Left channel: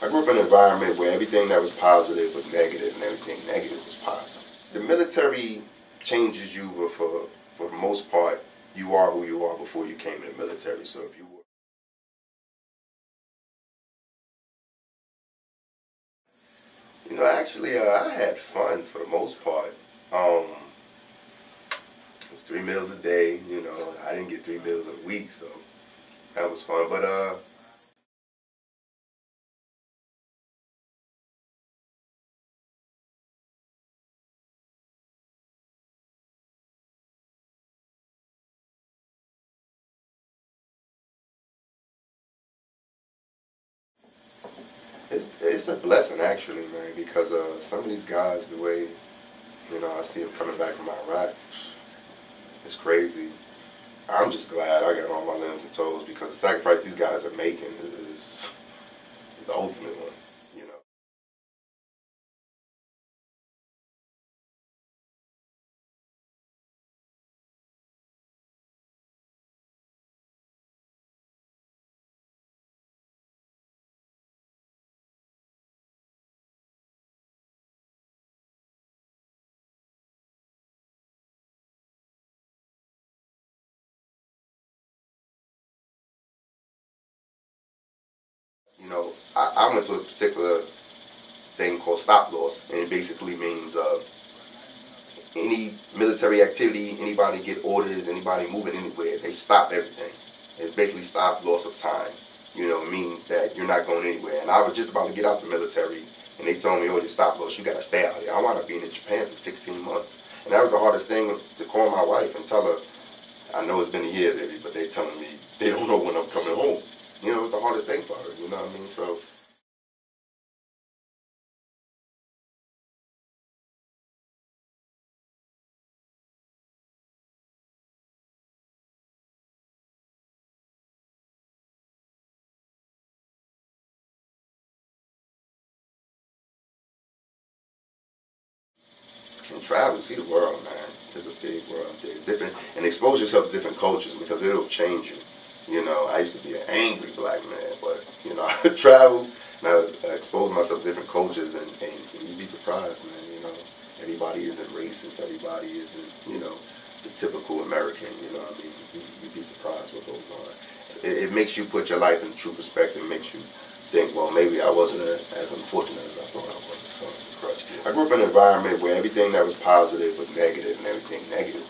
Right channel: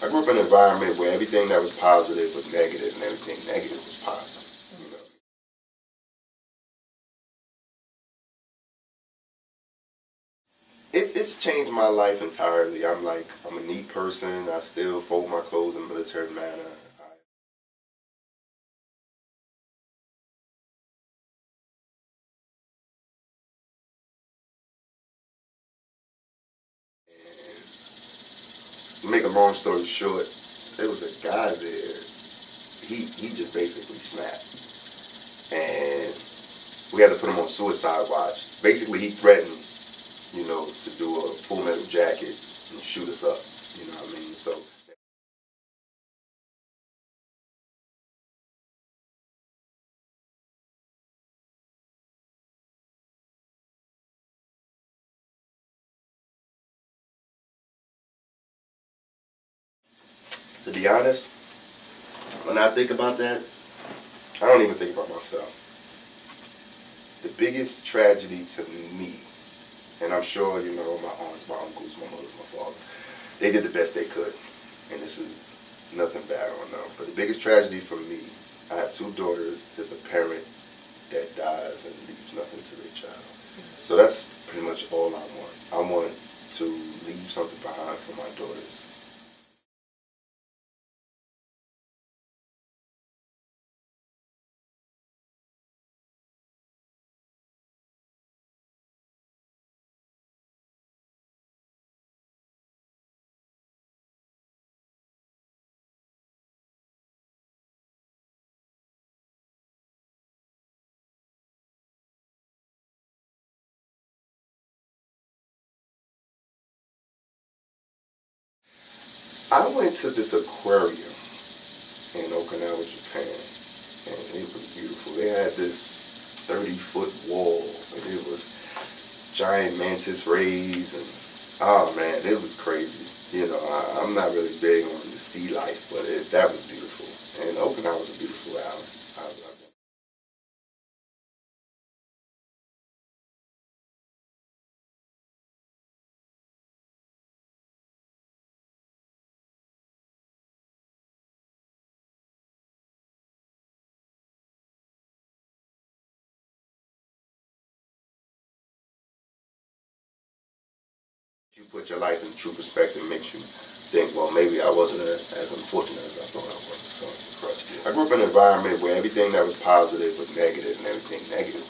I grew up in an environment where everything that was positive was negative and everything negative was positive. The military changes you, but for the most part, you are who you are before you came in the military. It's changed my life entirely. I'm a neat person. I still fold my clothes in a military manner. You know, actually, I had fun for the most part. It was 3 meals a day. You know, I didn't get 3 meals a week, so that was fun. But to make a long story short, there was a guy there. He just basically snapped, and we had to put him on suicide watch. Basically, he threatened, you know, to do a Full Metal Jacket and shoot us up. You know what I mean? So it's a blessing, actually, man, because some of these guys, the way, you know, I see them coming back from Iraq, it's crazy. I'm just glad I got all my limbs and toes, because the sacrifice these guys are making is the ultimate one. To be honest, when I think about that, I don't even think about myself. The biggest tragedy to me, and I'm sure, you know, my aunts, my uncles, my mother, my father, they did the best they could. And this is nothing bad on them. But the biggest tragedy for me, I have 2 daughters. There's a parent that dies and leaves nothing to their child. So that's pretty much all I want. I want to leave something behind for my daughters. You know, I went to a particular thing called stop loss, and it basically means any military activity, anybody get orders, anybody moving anywhere, they stop everything. It's basically stop loss of time. You know, it means that you're not going anywhere. And I was just about to get out the military, and they told me, oh, you stop loss, you got to stay out here. I wound up being in Japan for 16 months. And that was the hardest thing, to call my wife and tell her, I know it's been a year, baby, but they're telling me they don't know when I'm coming home. You know, it was the hardest thing for her, you know what I mean? So I went to this aquarium in Okinawa, Japan, and it was beautiful. They had this 30-foot wall, and it was giant mantis rays, and oh man, it was crazy. You know, I'm not really big on the sea life, but that was beautiful. And Okinawa was a beautiful island. I can travel, see the world, man. There's a big world there. Different, and expose yourself to different cultures, because it'll change you. You know, I used to be an angry black man, but, you know, I travel and I expose myself to different cultures, and you'd be surprised, man. You know, everybody isn't racist. Everybody isn't, you know, the typical American. You know what I mean? You'd be surprised what goes on. It makes you put your life in true perspective. It makes you think, well, maybe I wasn't as unfortunate as I thought I was. So it's a crutch. I grew up in an environment where everything that was positive was negative and everything negative